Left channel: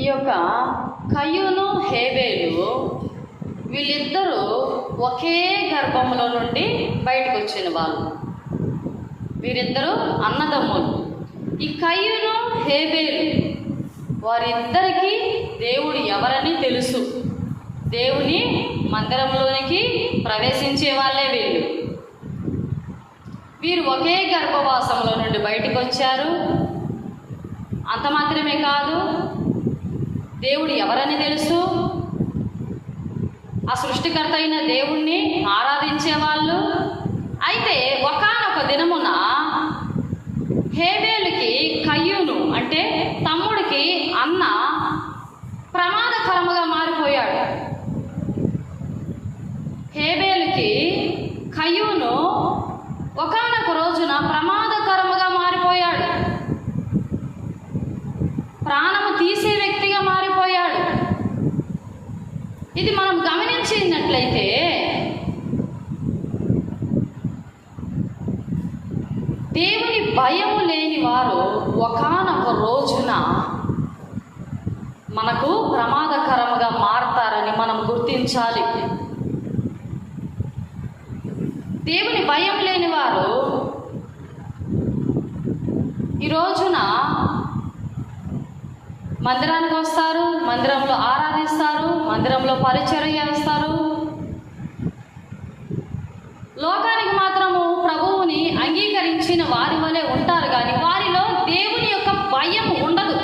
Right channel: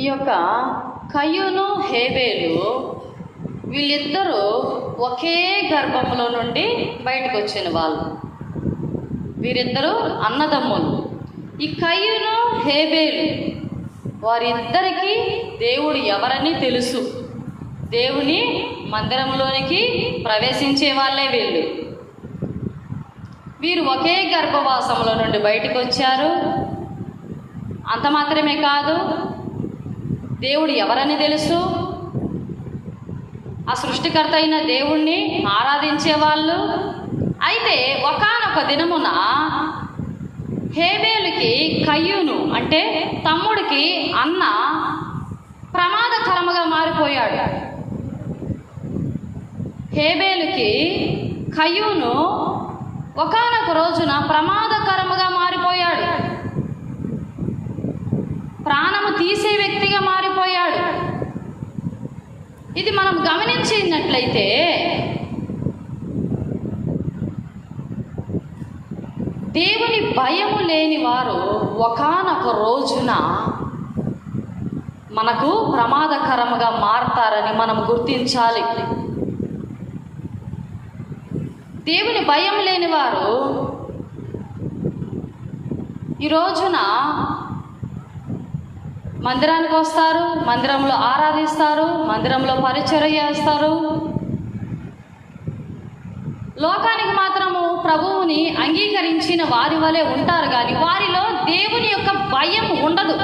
ఈ యొక్క కయ్యూను హేబేలు వీళ్ళిద్దరూ ఒకే గర్భంలో నుండి బయటకు వచ్చిన వాళ్ళు. వీరిద్దరూ అన్నదమ్ములు. ఈ కయ్యూను హేబేలు వారిద్దరికీ దేవుడు ఎవరని తెలుసు. దేవుని మందిరంలోనికి ప్రవేశించే వాళ్ళే వీరు ఒకే గర్భవాసంలో నుండి బయటకు వచ్చారు. అంత మాత్రమే కాదు, దేవుడు ఎవరని తెలుసు. ఆ సృష్టికర్త అయిన దేవుణ్ణి ఆరాధించే వాళ్ళు. అయితే ఒకానొక దినమున హేబేలుకి కయ్యూను అంటే తమ్ముడికి అన్న ప్రమాదకరముగా మారిపోయాడు. హేబేలుకి కయ్యూను ఒకానొక రోజున ప్రమాదకరముగా మారిపోయాడు. ప్రాణము తీసే వ్యక్తిగా మారిపోయాడు. ఇది మనం గమనించినట్లయితే దేవుని భయము లేని వారు ఒకానొక రోజున మనకు ప్రమాదకరముగా మారతారని మనం గుర్తించాలి. దేవుని భయం లేని వారు ఈ రోజున మందిరానికి వస్తారు, మందిరంలో ఆరాధిస్తారు, మందిరంలో పరిచర్య చేస్తారు. లోకానికి మాత్రము ప్రభువుని అంగీకరించిన వారి వలె ఉంటారు, కానీ వారిలో దేవుని యొక్క భయం ఉండదు.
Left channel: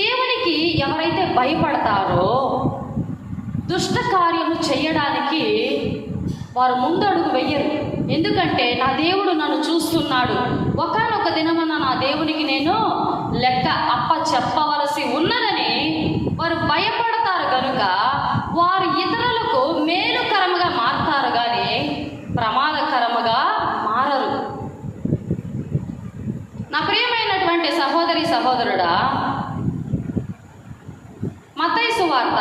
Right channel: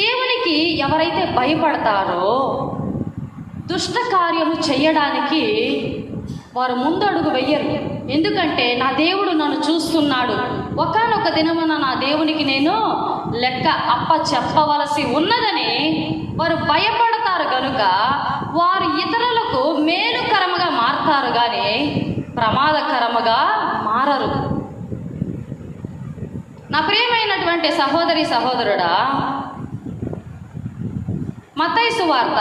దేవునికి ఎవరైతే భయపడతారో దుష్ట కార్యము చేయడానికి వారు ముందడుగు వెయ్యరు. ఎందుకంటే నా దేవుడు నన్ను చూస్తున్నాడు, ఒకానొక దినమున నా దేవునికి నేను లెక్క అప్ప చెప్పవలసి ఉన్నదని వారు భయపడతారు. కనుక వారు ఇతరులకు మేలుకరముగా మారుతారు, కానీ ప్రమాదకరముగా మారరు. నా ప్రియమైనటువంటి సహోదరి సహోదరుడా, మత్తయి సువార్త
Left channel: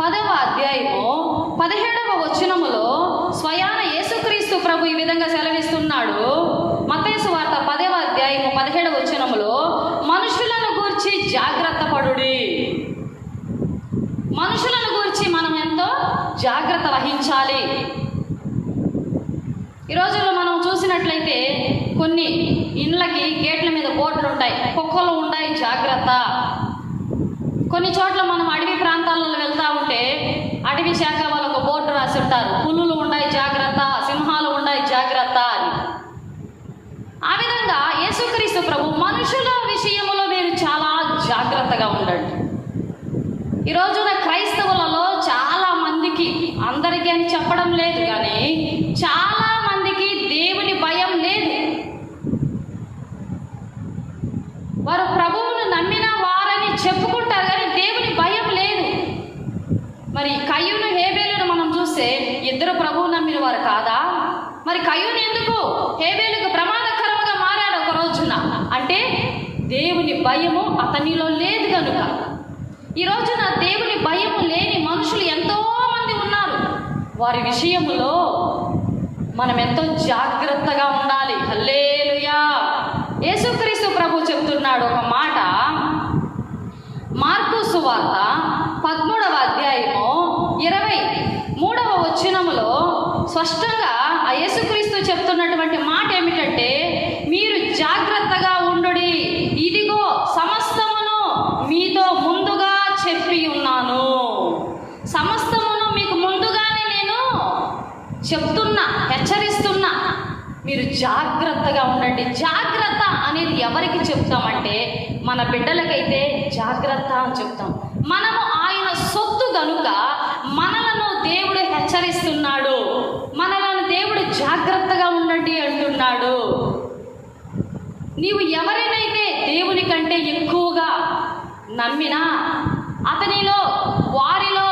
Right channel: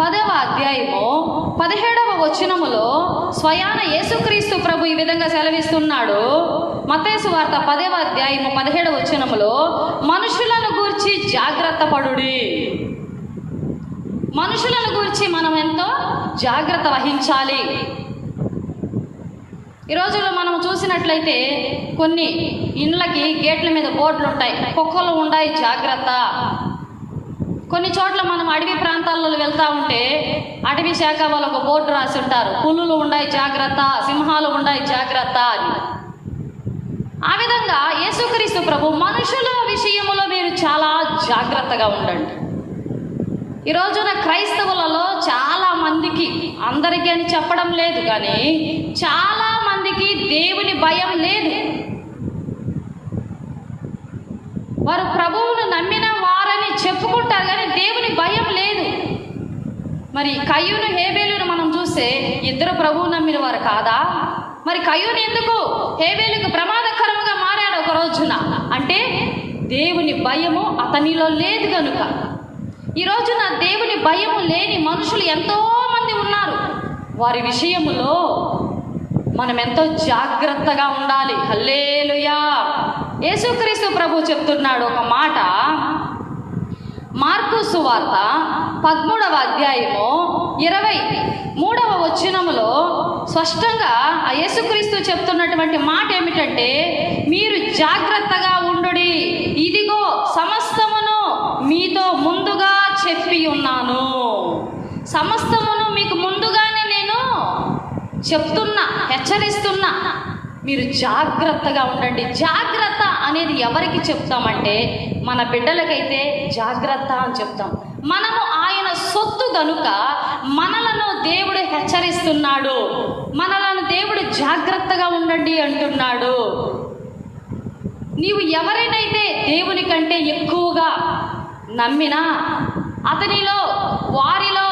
10వ అధ్యాయము 17వ వచనములో స్వయాన యేసుక్రీస్తు ప్రభు ఈ విధంగా సెలవిస్తున్నాడు. మత్తయి సువార్త 10వ అధ్యాయము 17వ వచనములో మనుషులను గూర్చి జాగ్రత్త పడుడి. మనుషులను గురించి మనం ఎంతో జాగ్రత్త వహించాలి. ఈ రోజుల్లో మనం చూసినట్లయితే కొన్ని ఇండ్లకి గేట్ల మీద బోర్డులు ఉంటాయి, కుక్కలు ఉన్నాయి జాగ్రత్త. కొన్ని చోట్ల మనం అడవి ప్రాంతాలలో వెళ్తా ఉంటే అటవీ శాఖ వాళ్ళు ఒక బోర్డు రాసి ఉంటారు, పులులు ఉన్నాయి జాగ్రత్త, సింహాలు ఉన్నాయి జాగ్రత్త అని. ఆ విధంగా యేసుక్రీస్తు ప్రభు మనుషుల విషయంలో మీరు చాలా జాగ్రత్తగా ఉండండి. ఈ రోజున క్రైస్తవులలో చాలా మందికి, అందరికీ అని చెప్పడం లేదు కానీ చాలా మందికి దేవుని భయం లేదు. వారు ప్రభువును నమ్మిన వారని చెప్పుకుంటారు కానీ దేవుని భయం లేదు. మరి కయ్యూను హేబేలును మనం చూస్తే ఇద్దరు ప్రభువు నమ్మిన వారు కాదా? మరి కయ్యూను ఎందుకు హేబేలుకు ప్రమాదకరంగా మారాడు ఒక రోజున? అంటే దేవుని భయము అతనిలో లేదు కనుక. ఈ రోజున దేవుని భయం లేని మనుషులు ఎంతో మంది ఉన్నారు. వారి విషయంలో మనం ఎంతో జాగ్రత్తగా ఉండాలి. హల్లెలూయా. యేసుక్రీస్తు ప్రభు చెప్తున్నాడు ఒక మాట. మార్కు సువార్త 13వ అధ్యాయము 23వ వచనములో స్పష్టంగా ఆ యేసుక్రీస్తు చెప్తున్నటువంటి మాట ఏమిటంటే, మీరు జాగ్రత్తగా ఉండుడి, ఇదిగో సమస్తమును మీతో ముందుగా చెప్పి ఉన్నాను. సమస్తమును మీకు ముందుగానే నేను చెప్తున్నా, హెచ్చరిస్తున్నా, మీరు జాగ్రత్తగా ఉండండి. జాగ్రత్త అనేది ఎవరికి చెప్తామంటే మన బిడ్డలకైతే జాగ్రత్త అని చెప్తాం. మనము ఆయన సొత్తు గనుక మనలను దేవుడు హెచ్చరిస్తున్నాడు, మనలను దేవుడు జాగ్రత్తగా ఉండండి అంటున్నాడు. నీవు ఎవరినైతే దేవుని కంటే ఎక్కువగా నమ్మినా అతనిలో వారిలో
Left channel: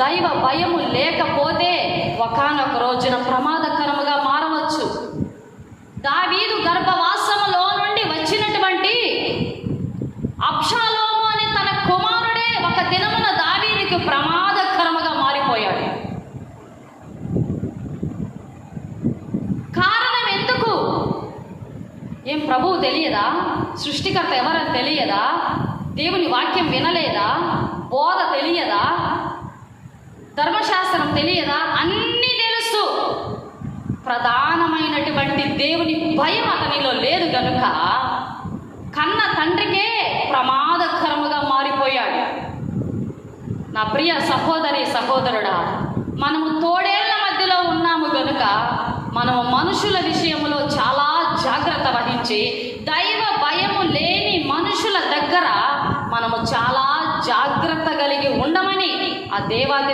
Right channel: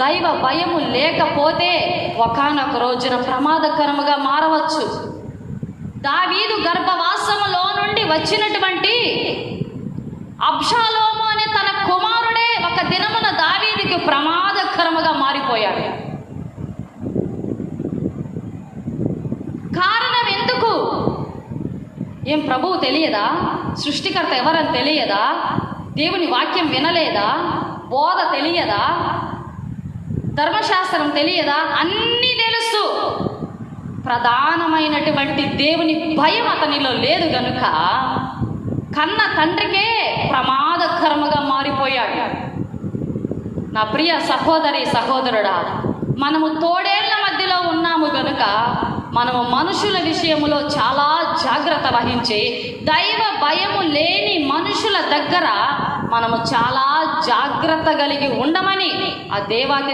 దైవ భయము లేకపోతే ఒకానొక రోజున ప్రమాదకరముగా మారవచ్చు. దావీదు గర్భవాసములో నుండి వచ్చినటువంటి అబ్షాలోము అనే తన కుమారుడే ఒక దినమున దావీదుకి ప్రమాదకరముగా మారిపోయాడు. కారణం ఎందుకు? ఏం ప్రభువు తెలియదా? సృష్టికర్త ఎవరని తెలియదా? దేవుని వాక్యం వినలేదా? బోధ తెలియదా? ధర్మశాస్త్రం తెలియదా? అన్నీ తెలుసు. ప్రధానమైనటువంటి దేవుని భయం అతనిలో లేదు గనుక కన్న తండ్రికే ప్రమాదకరముగా మారిపోయాడు. నా ప్రియ సహోదరి సహోదరుడా, మనము తోడేళ్ల మధ్యలో ఉన్నాము గనుక మనము మనుషుల విషయంలో చాలా జాగ్రత్త వహించి దైవ భయము లేని మనుషుల దగ్గర మనము చాలా జాగ్రత్త కలిగి ఉండమని ఆ దేవాది